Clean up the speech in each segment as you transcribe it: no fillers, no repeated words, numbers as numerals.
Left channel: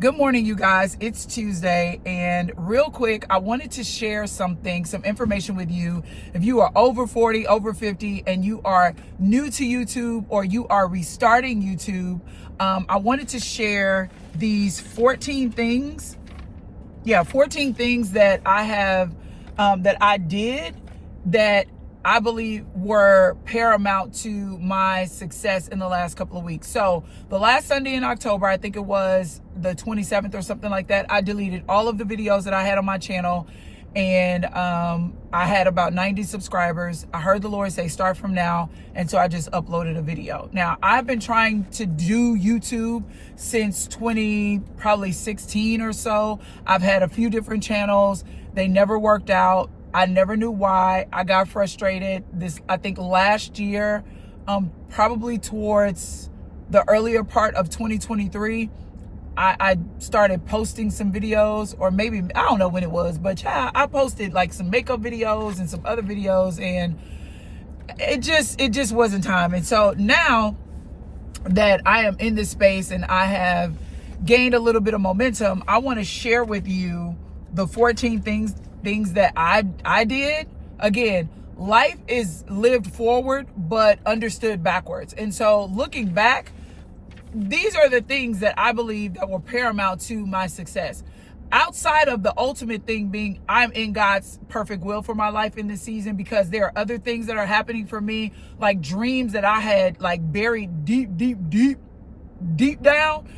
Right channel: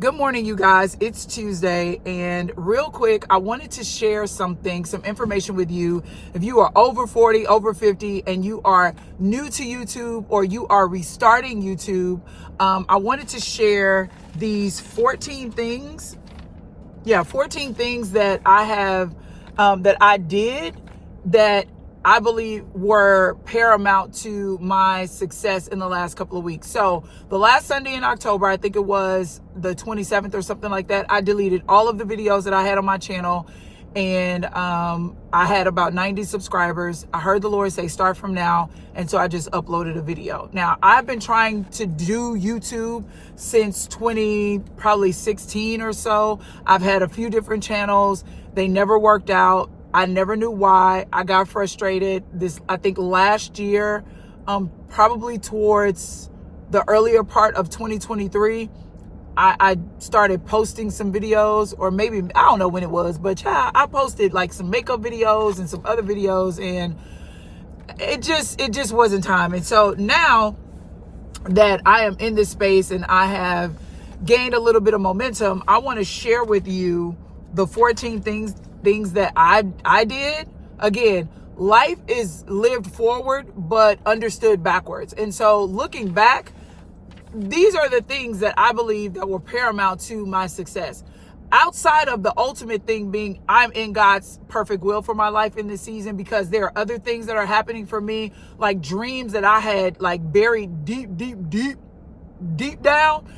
Good morning, you guys. It's Tuesday, and real quick, I wanted to share some information with you. If you are over 40, over 50, and you are new to YouTube or you are restarting YouTube, I wanted to share these 14 things. 14 things that I have, that I did that I believe were paramount to my success in the last couple of weeks. So the last Sunday in October, I think it was the 27th or something like that, I deleted all of the videos that I had on my channel, and I had about 90 subscribers. I heard the Lord say, start from now. And so I just uploaded a video. Now, I've been trying to do YouTube since probably 16 or so. I've had a few different channels. They never worked out. I never knew why. I got frustrated I think last year, probably towards the earlier part of 2023, I started posting some videos, or maybe, I don't know when it was, but I posted like some makeup videos and some other videos, and it just wasn't time. And so now that I am in this space and I have gained a little bit of momentum, I want to share with you the 14 things that I did. Again, life is lived forward but understood backwards. And so looking back, these are the things that I believe that were paramount to my success. Outside of the ultimate thing being I'm in God's perfect will for my life in this season, because there are other things that are happening for me, like dreams that I had like buried deep down,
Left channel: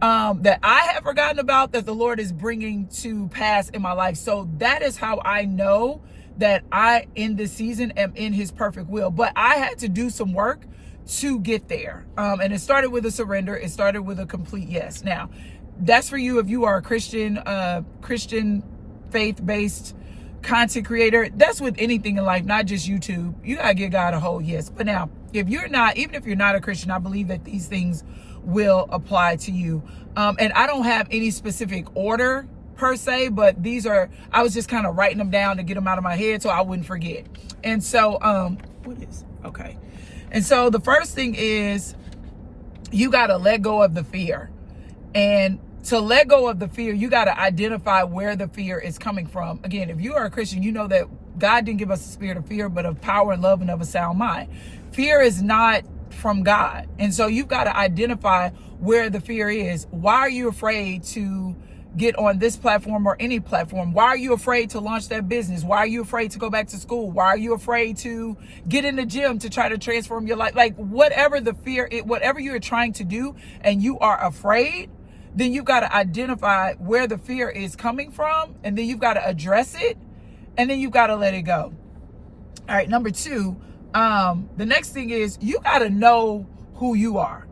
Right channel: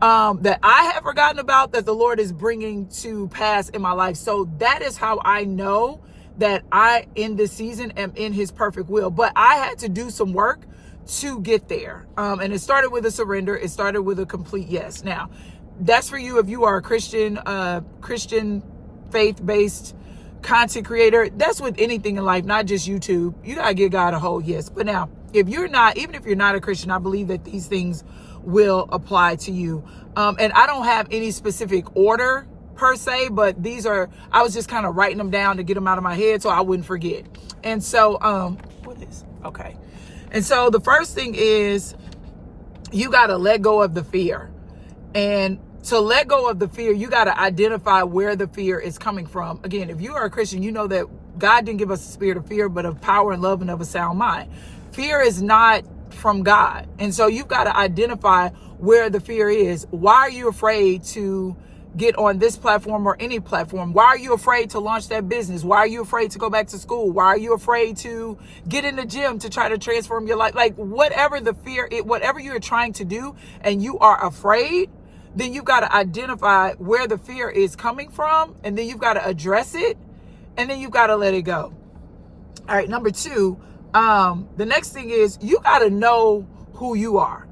that I have forgotten about, that the Lord is bringing to pass in my life. So that is how I know that I, in this season, am in his perfect will. But I had to do some work to get there. And it started with a surrender. It started with a complete yes. Now, that's for you if you are a Christian faith-based content creator. That's with anything in life, not just YouTube. You gotta give God a whole yes. But now, if you're not, even if you're not a Christian, I believe that these things will apply to you. And I don't have any specific order per se, but I was just kind of writing them down to get them out of my head so I wouldn't forget. And so, okay. And so the first thing is, you got to let go of the fear. And to let go of the fear, you got to identify where the fear is coming from. Again, if you are a Christian, you know that God didn't give us a spirit of fear, but of power and love and of a sound mind. Fear is not from God. And so you've got to identify where the fear is. Why are you afraid to get on this platform or any platform? Why are you afraid to launch that business? Why are you afraid to go back to school? Why are you afraid to get in the gym to try to transform your life? Like whatever the fear, whatever you're trying to do and you are afraid, then you've got to identify where the fear is coming from, and then you've got to address it, and then you've got to let it go. All right, number two, the next thing is, you got to know who you are.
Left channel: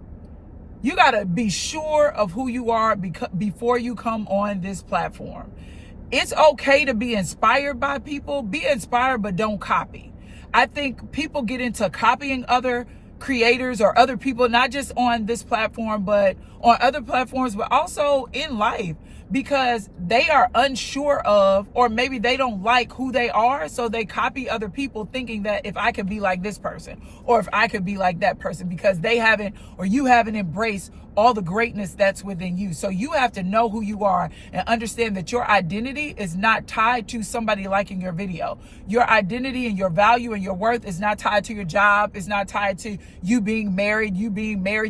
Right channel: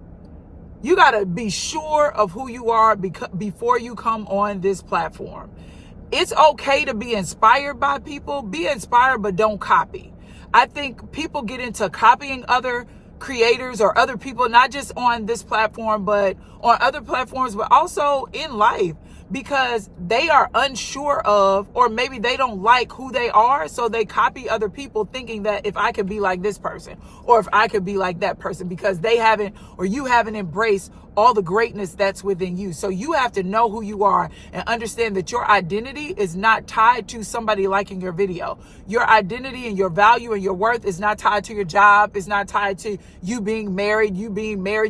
You got to be sure of who you are before you come on this platform. It's okay to be inspired by people. Be inspired, but don't copy. I think people get into copying other creators or other people, not just on this platform, but on other platforms, but also in life, because they are unsure of, or maybe they don't like who they are. So they copy other people thinking that if I could be like this person, or if I could be like that person, because they haven't, or you haven't embraced all the greatness that's within you. So you have to know who you are and understand that your identity is not tied to somebody liking your video. Your identity and your value and your worth is not tied to your job. It's not tied to you being married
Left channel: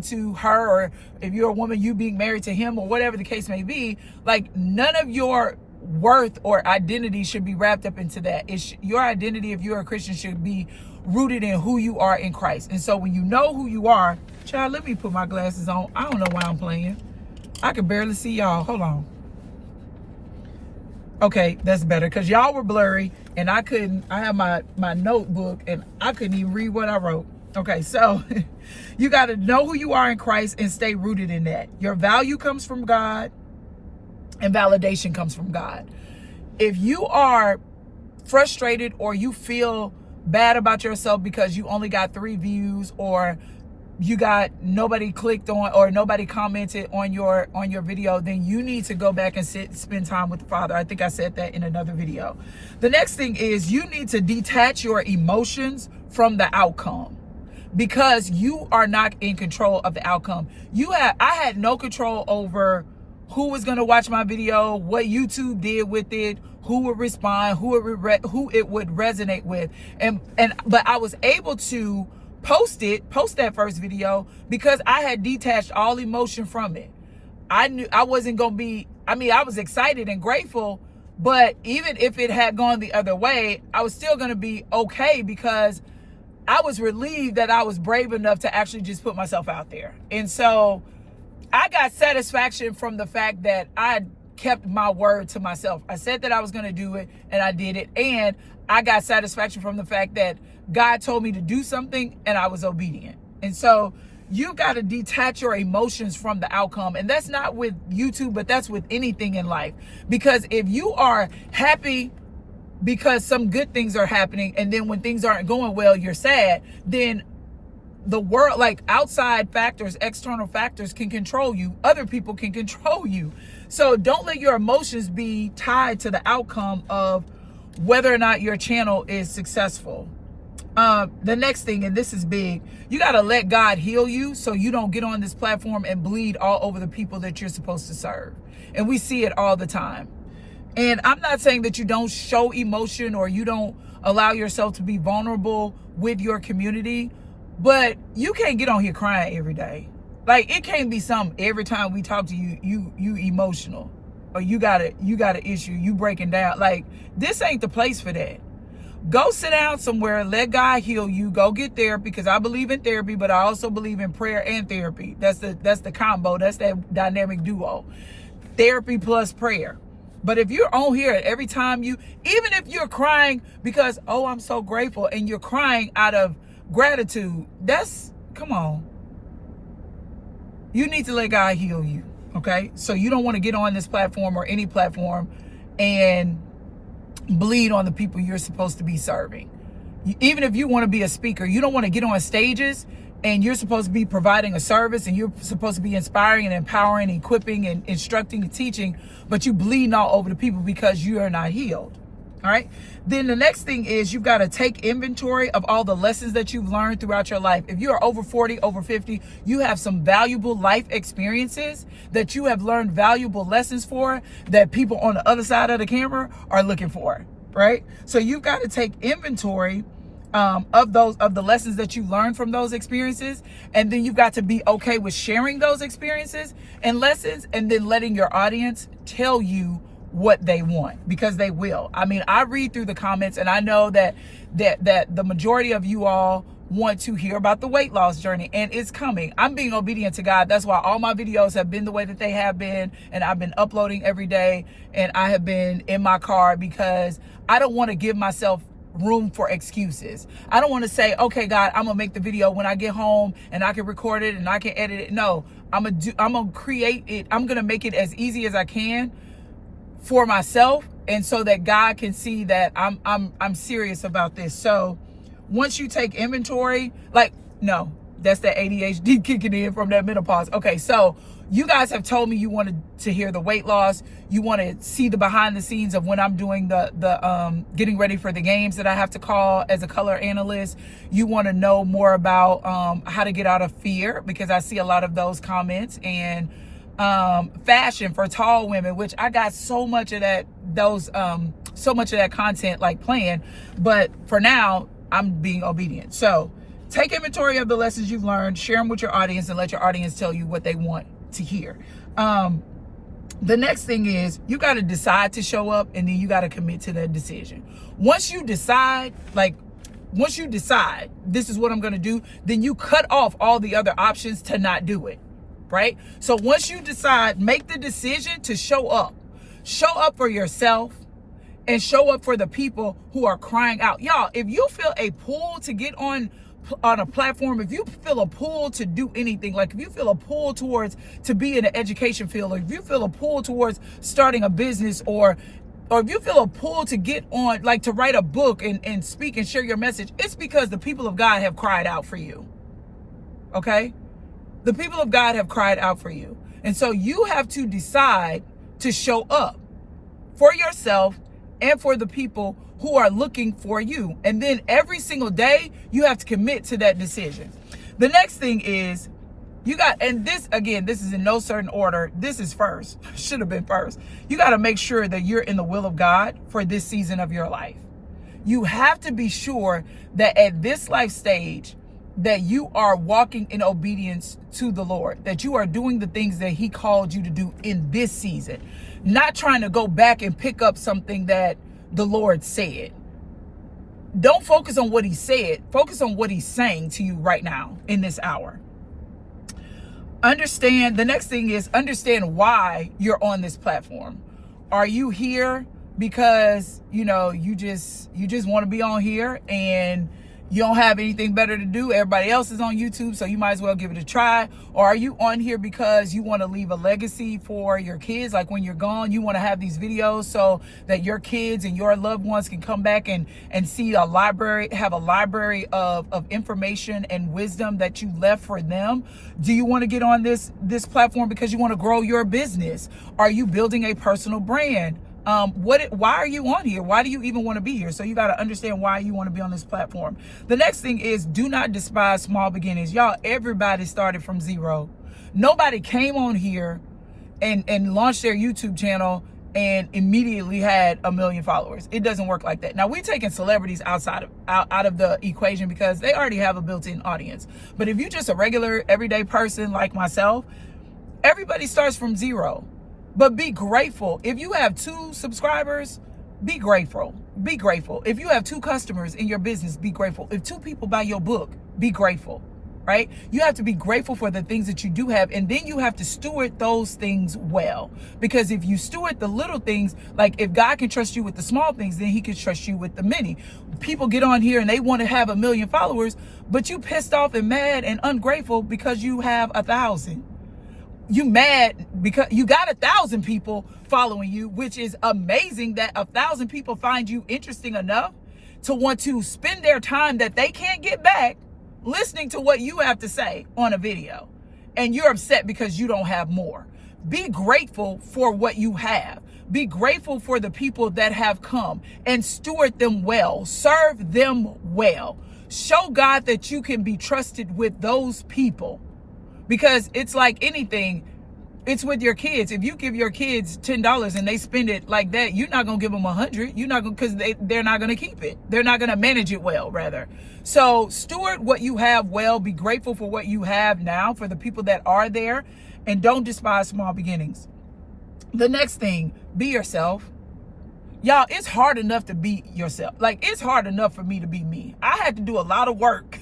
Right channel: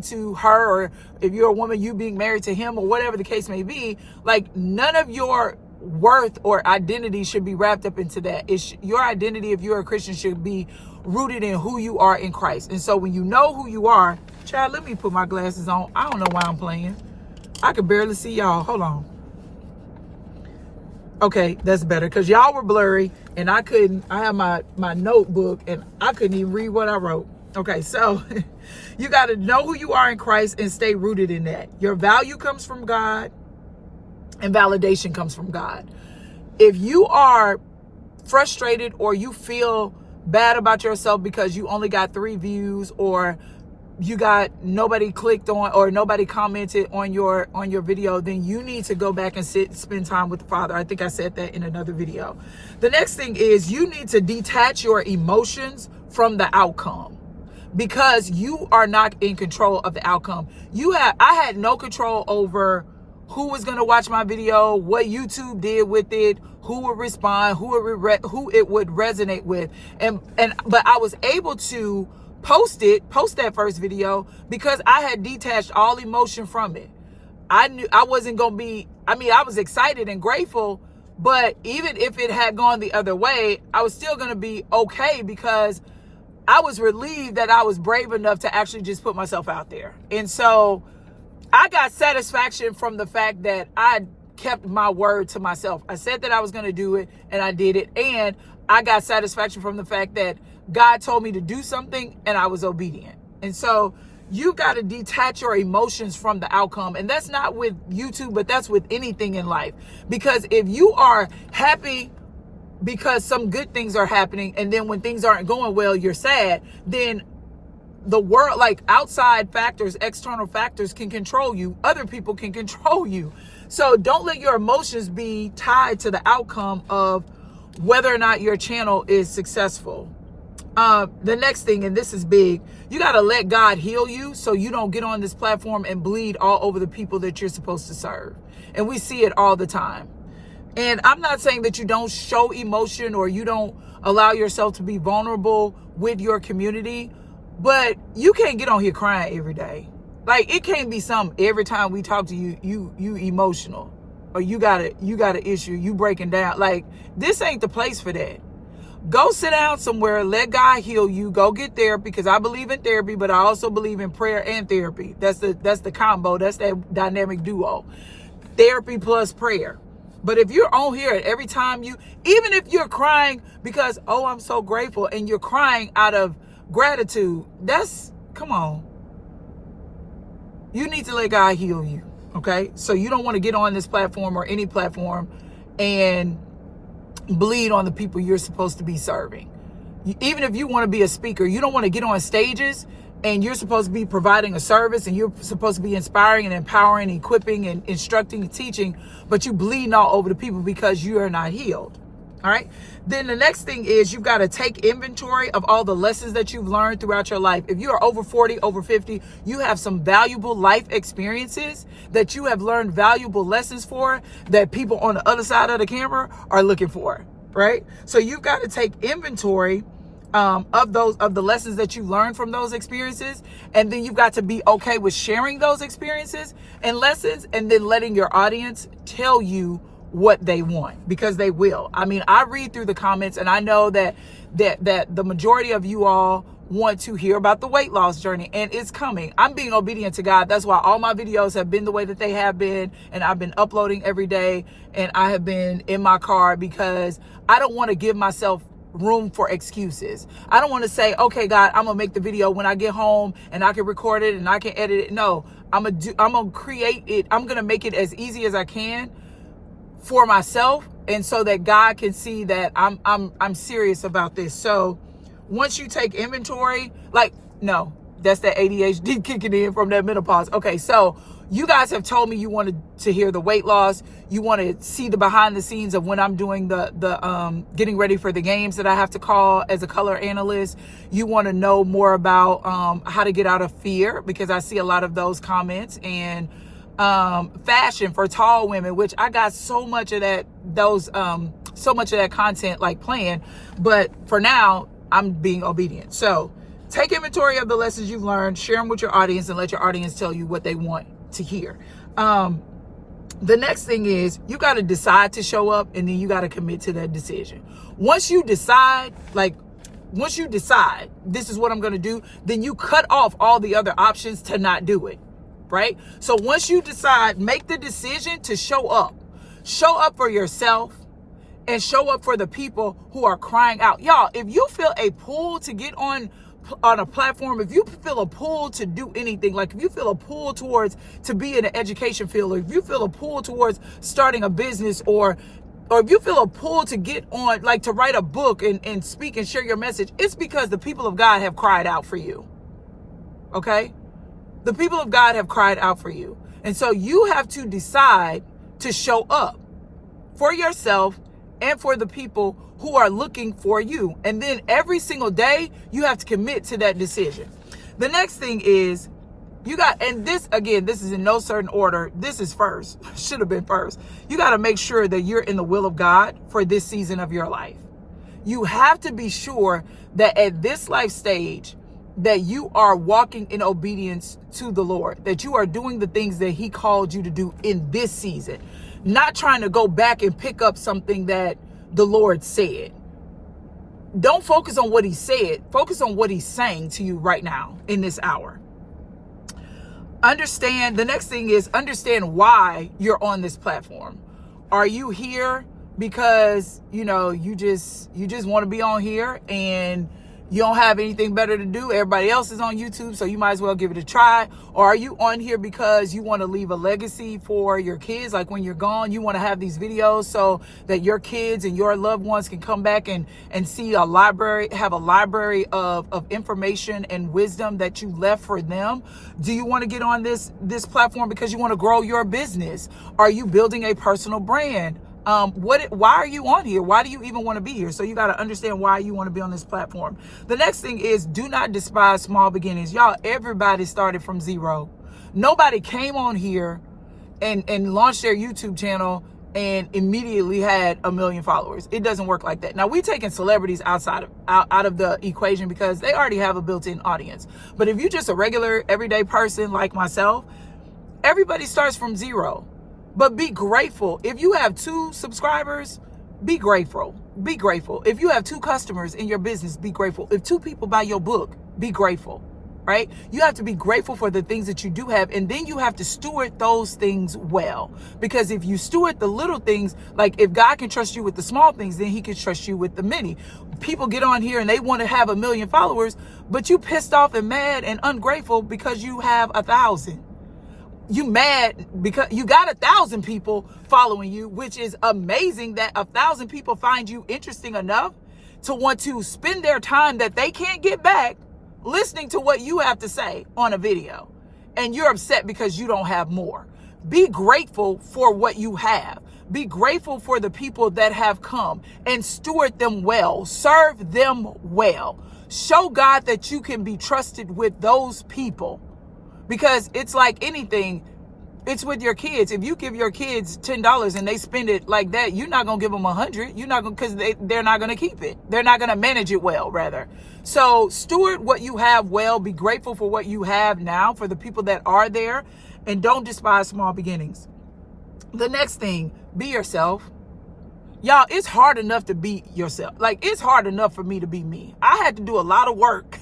to her, or if you're a woman, you being married to him, or whatever the case may be. Like, none of your worth or identity should be wrapped up into that. Your identity, if you're a Christian, should be rooted in who you are in Christ. And so when you know who you are, child, let me put my glasses on. I don't know why I'm playing. I could barely see y'all. Hold on. Okay, that's better, because y'all were blurry and I have my notebook and I couldn't even read what I wrote. Okay, so you got to know who you are in Christ and stay rooted in that. Your value comes from God and validation comes from God. If you are frustrated or you feel bad about yourself because you only got 3 views, or you got nobody clicked on, or nobody commented on your video, then you need to go back and spend time with the Father. I think I said that in another video. The next thing is, you need to detach your emotions from the outcome, because you are not in control of the outcome. I had no control over who was going to watch my video, what YouTube did with it, who would respond, who it would resonate with. But I was able to post that first video because I had detached all emotion from it. I knew I wasn't going to be, I was excited and grateful, but even if it had gone the other way, I was still going to be okay because I was relieved that I was brave enough to actually just put myself out there. And so I got satisfaction from the fact that I kept my word to myself. I said that I was going to do it and I did it. And I got satisfaction from the fact that God told me to do something and I was obedient. And so you got to detach your emotions from the outcome. And that's not with YouTube, but that's with anything in life. Because if you are happy because some good things are happening, and then when things aren't going well, you're sad, then the world, like outside factors, external factors can control you. Other people can control you. So don't let your emotions be tied to the outcome of whether or not your channel is successful. The next thing, and this is big, you got to let God heal you so you don't get on this platform and bleed all over the people that you're supposed to serve. And we see it all the time. And I'm not saying that you don't show emotion or you don't allow yourself to be vulnerable with your community, but you can't get on here crying every day. Like, it can't be something every time we talk to you, you emotional, or you got an issue, you breaking down. Like, this ain't the place for that. Go sit down somewhere, let God heal you, go get therapy, because I believe in therapy, but I also believe in prayer and therapy. That's the combo, that's that dynamic duo. Therapy plus prayer. But if you're on here every time even if you're crying because, oh, I'm so grateful, and you're crying out of gratitude, come on. You need to let God heal you, okay? So you don't want to get on this platform or any platform and bleed on the people you're supposed to be serving. Even if you want to be a speaker, you don't want to get on stages and you're supposed to be providing a service and you're supposed to be inspiring and empowering, equipping and instructing and teaching, but you bleeding all over the people because you are not healed. All right. Then the next thing is you've got to take inventory of all the lessons that you've learned throughout your life. If you are over 40, over 50, you have some valuable life experiences that you have learned valuable lessons for that people on the other side of the camera are looking for. Right. So you've got to take inventory of the lessons that you learned from those experiences. And then you've got to be okay with sharing those experiences and lessons and then letting your audience tell you what they want, because they will. I mean, I read through the comments and I know that the majority of you all want to hear about the weight loss journey, and it's coming. I'm being obedient to God. That's why all my videos have been the way that they have been, and I've been uploading every day, and I have been in my car because I don't want to give myself room for excuses. I don't want to say, okay, God, I'm gonna make the video when I get home and I can record it and I can edit it. No, I'm gonna create it. I'm gonna make it as easy as I can for myself, and so that God can see that I'm serious about this. So once you take inventory, that's that ADHD kicking in from that menopause. Okay, so you guys have told me you wanted to hear the weight loss. You want to see the behind the scenes of when I'm doing the getting ready for the games that I have to call as a color analyst. You want to know more about how to get out of fear, because I see a lot of those comments, and fashion for tall women, which I got so much of that content like playing, but for now I'm being obedient. So take inventory of the lessons you've learned, share them with your audience, and let your audience tell you what they want to hear. The next thing is you got to decide to show up, and then you got to commit to that decision. Once you decide this is what I'm going to do, then you cut off all the other options to not do it. Right? So once you decide, make the decision to show up for yourself and show up for the people who are crying out. Y'all, if you feel a pull to get on a platform, if you feel a pull to do anything, like if you feel a pull towards to be in the education field, or if you feel a pull towards starting a business, or if you feel a pull to get on, like to write a book and speak and share your message, it's because the people of God have cried out for you. Okay? The people of God have cried out for you. And so you have to decide to show up for yourself and for the people who are looking for you. And then every single day, you have to commit to that decision. The next thing is You got, and this, again, this is in no certain order. This is first, should have been first. You got to make sure that you're in the will of God for this season of your life. You have to be sure that at this life stage, that you are walking in obedience to the Lord, that you are doing the things that he called you to do in this season, not trying to go back and pick up something that the Lord said. Don't focus on what he said. Focus on what he's saying to you right now in this hour. Understand, the next thing is understand why you're on this platform. Are you here because, you just want to be on here and you don't have anything better to do? Everybody else is on YouTube, so you might as well give it a try. Or are you on here because you want to leave a legacy for your kids? Like when you're gone, you want to have these videos so that your kids and your loved ones can come back and see a library, have a library of information and wisdom that you left for them. Do you want to get on this platform because you want to grow your business? Are you building a personal brand? Why are you on here? Why do you even want to be here? So you got to understand why you want to be on this platform. The next thing is, do not despise small beginnings. Y'all, everybody started from zero. Nobody came on here and launched their YouTube channel and immediately had 1 million followers. It doesn't work like that. Now, we're taking celebrities out of the equation because they already have a built-in audience. But if you're just a regular everyday person like myself, everybody starts from zero. But be grateful. If you have 2 subscribers, be grateful. Be grateful. If you have 2 customers in your business, be grateful. If 2 people buy your book, be grateful, right? You have to be grateful for the things that you do have. And then you have to steward those things well. Because if you steward the little things, like if God can trust you with the small things, then he can trust you with the many. People get on here and they want to have 1 million followers, but you pissed off and mad and ungrateful because you have 1,000. You mad because you got 1,000 people following you, which is amazing that 1,000 people find you interesting enough to want to spend their time that they can't get back listening to what you have to say on a video. And you're upset because you don't have more. Be grateful for what you have. Be grateful for the people that have come and steward them well. Serve them well. Show God that you can be trusted with those people. Because it's like anything, it's with your kids. If you give your kids $10 and they spend it like that, you're not going to give them 100. You're not going to, because they're not going to keep it. They're not going to manage it well, rather. So steward what you have well. Be grateful for what you have now, for the people that are there, and don't despise small beginnings. The next thing, be yourself. Y'all, it's hard enough to be yourself. Like, it's hard enough for me to be me. I had to do a lot of work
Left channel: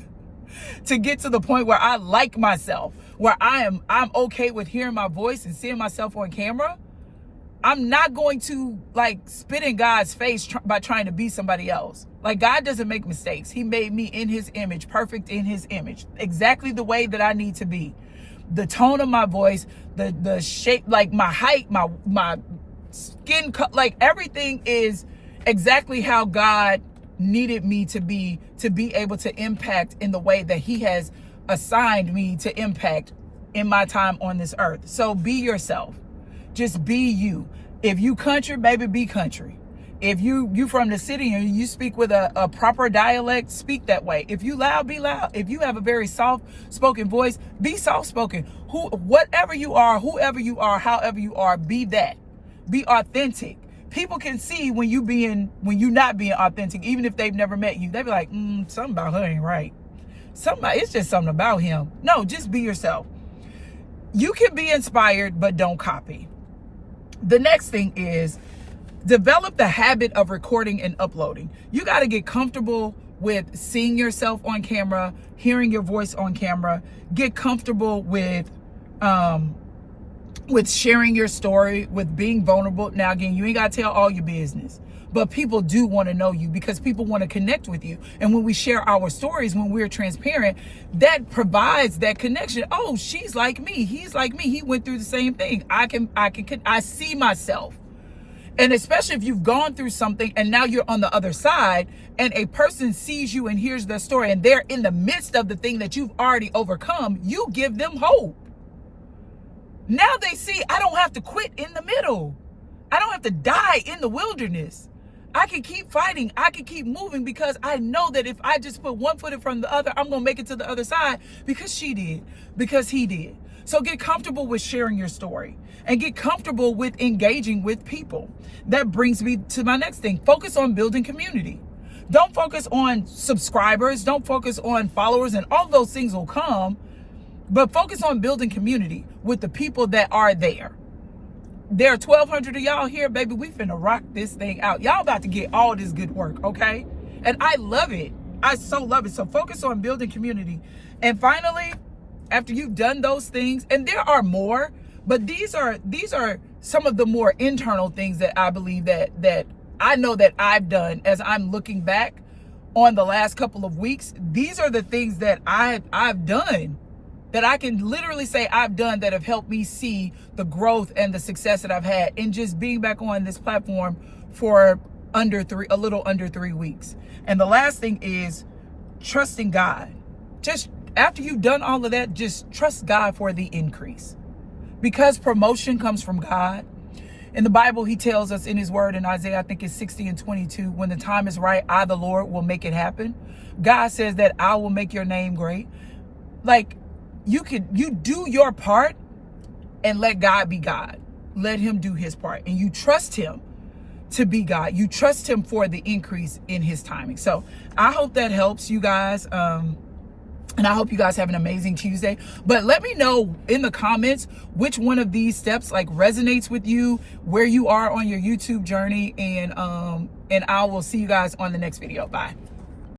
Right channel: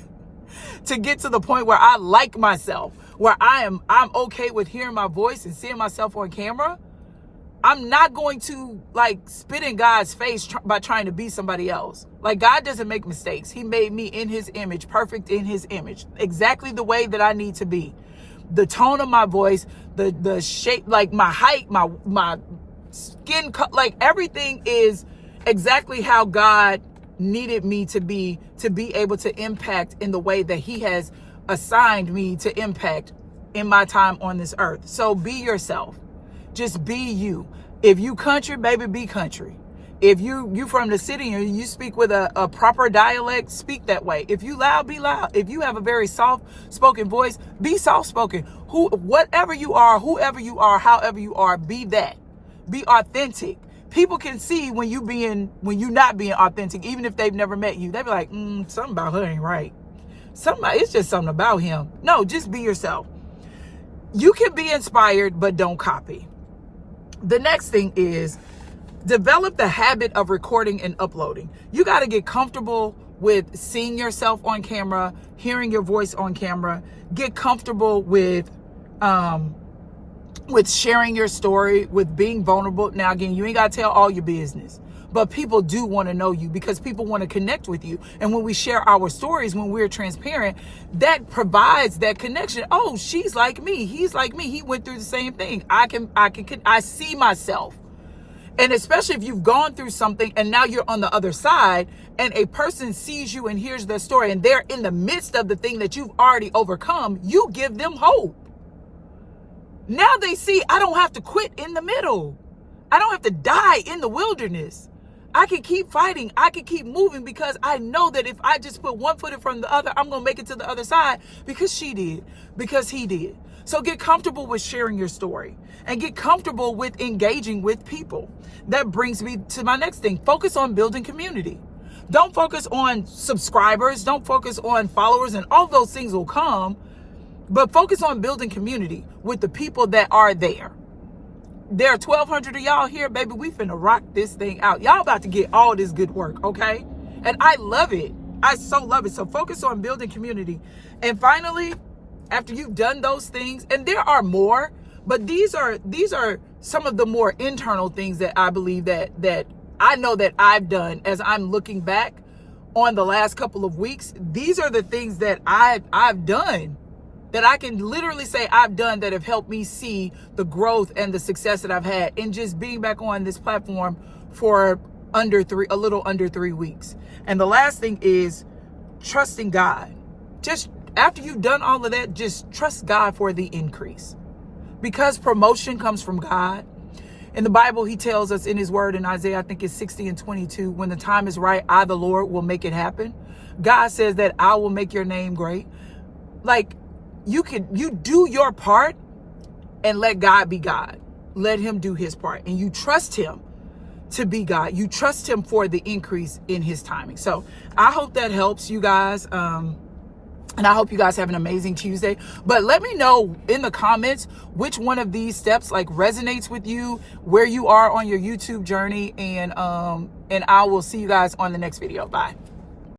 to get to the point where I like myself, where I'm okay with hearing my voice and seeing myself on camera. I'm not going to like spit in God's face by trying to be somebody else. Like, God doesn't make mistakes. He made me in his image, perfect in his image, exactly the way that I need to be. The tone of my voice, the shape, like my height, my skin cut, like everything is exactly how God needed me to be able to impact in the way that he has assigned me to impact in my time on this earth. So be yourself. Just be you. If you country, baby, be country. If you from the city and you speak with a proper dialect, speak that way. If you loud, be loud. If you have a very soft spoken voice, be soft spoken. Whatever you are, whoever you are, however you are, be that. Be authentic. People can see when you not being authentic, even if they've never met you. They be like, something about her ain't right. It's just something about him. No, just be yourself. You can be inspired, but don't copy. The next thing is develop the habit of recording and uploading. You got to get comfortable with seeing yourself on camera, hearing your voice on camera. Get comfortable with sharing your story, with being vulnerable. Now, again, you ain't got to tell all your business, but people do want to know you because people want to connect with you. And when we share our stories, when we're transparent, that provides that connection. Oh, she's like me. He's like me. He went through the same thing. I see myself. And especially if you've gone through something and now you're on the other side and a person sees you and hears their story and they're in the midst of the thing that you've already overcome, you give them hope. Now they see, I don't have to quit in the middle. I don't have to die in the wilderness. I can keep fighting. I can keep moving because I know that if I just put one foot in front of the other, I'm going to make it to the other side because she did, because he did. So get comfortable with sharing your story and get comfortable with engaging with people. That brings me to my next thing. Focus on building community. Don't focus on subscribers. Don't focus on followers, and all those things will come. But focus on building community with the people that are there. There are 1,200 of y'all here, baby. We finna rock this thing out. Y'all about to get all this good work, okay? And I love it. I so love it. So focus on building community. And finally, after you've done those things, and there are more, but these are some of the more internal things that I believe that I know that I've done as I'm looking back on the last couple of weeks. These are the things that I've done, that I can literally say I've done, that have helped me see the growth and the success that I've had in just being back on this platform for a little under 3 weeks. And the last thing is trusting God. Just after you've done all of that, just trust God for the increase, because promotion comes from God. In the Bible, he tells us in his word in Isaiah, I think it's 60:22, when the time is right, I, the Lord, will make it happen. God says that I will make your name great. Like, you do your part and let God be God. Let him do his part. And you trust him to be God. You trust him for the increase in his timing. So I hope that helps you guys. And I hope you guys have an amazing Tuesday. But let me know in the comments which one of these steps like resonates with you, where you are on your YouTube journey. And I will see you guys on the next video. Bye.